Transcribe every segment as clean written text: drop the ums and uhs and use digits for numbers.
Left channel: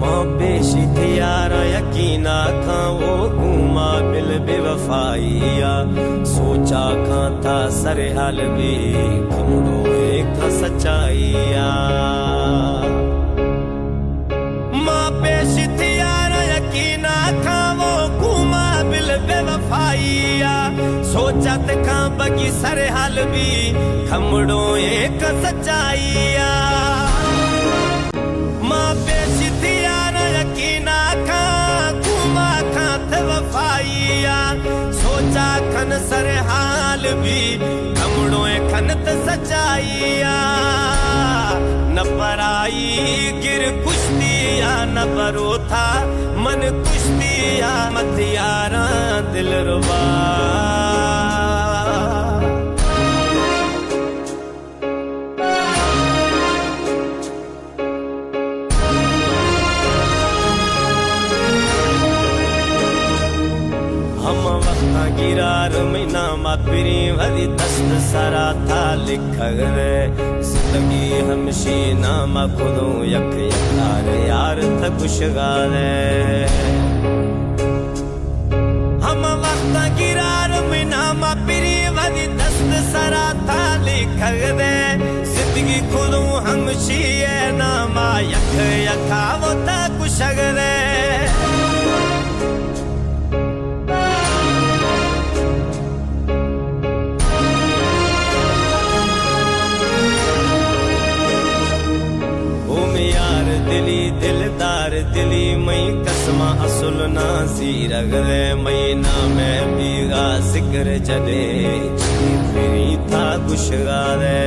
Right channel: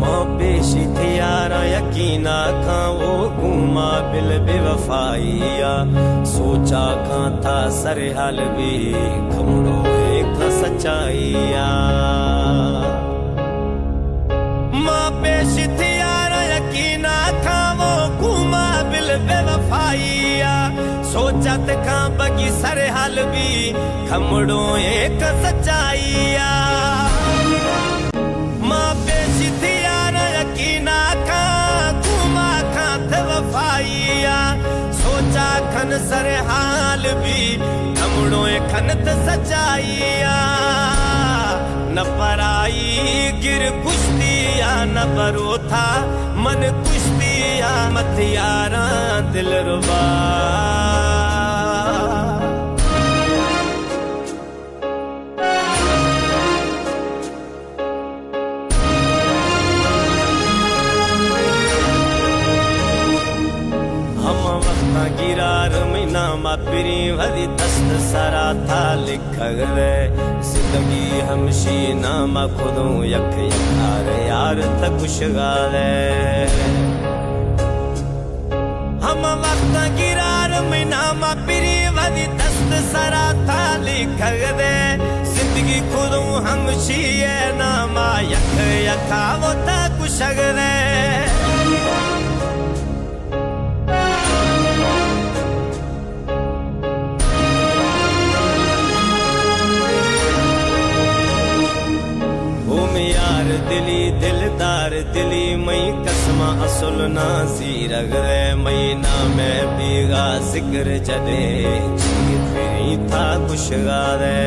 मां पेशी थी यार यकीना खां वो घूमा बिल बेवफाइया सोचा खां था सर हाल भी खमड़ो एक सच्चाइया मां पेशी थी यार यकीना खां वो घूमा बिल बेवफाइया सोचा खां बगी सर हाल भी खमड़ो एक सच्चाइया मां पेशी थी यार यकीना खां घूमा खां थे वफाइया सोचा खन सर हाल भी खमड़ो खन त सच्चाइया न पराई गिर कुश्तिया न बरो था मन कुश्तिया मत यारा दिल रुबा हम वक्ता गिरार महीना मापिरी वरी दस्त सरा था लिख गए जिंदगी हमशी नामा खुदो यक यकार यार थ खुश गाले हम वक्ता गिरार महीना मापिरी वरी दस्त सरा था लिख गए जिंदगी खुदो हमशी नामा यक यका वो थ खुश गए यार दिली दिलदार दिली मई कसमा असुल नाजी रगरे महीना में बीगा जिक्र जडे जी फिरी था गुशगारे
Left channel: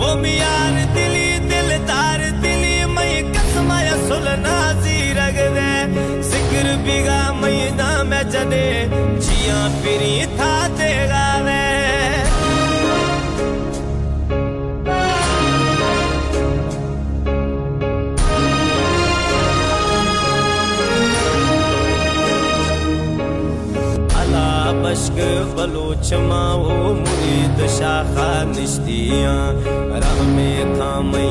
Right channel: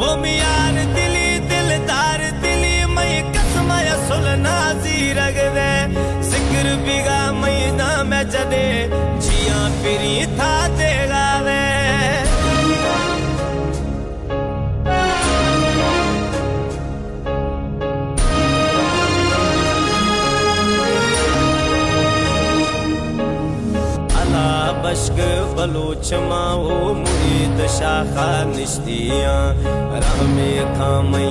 वो यार दिली दिलदार दिली मई कसमा असुल नाजी रगरे जिक्र बीगा महीना में जडे जिया फिरी था देगावे बश्क बलोच माओ मुरीद शाखा निश्तियां राह में खामई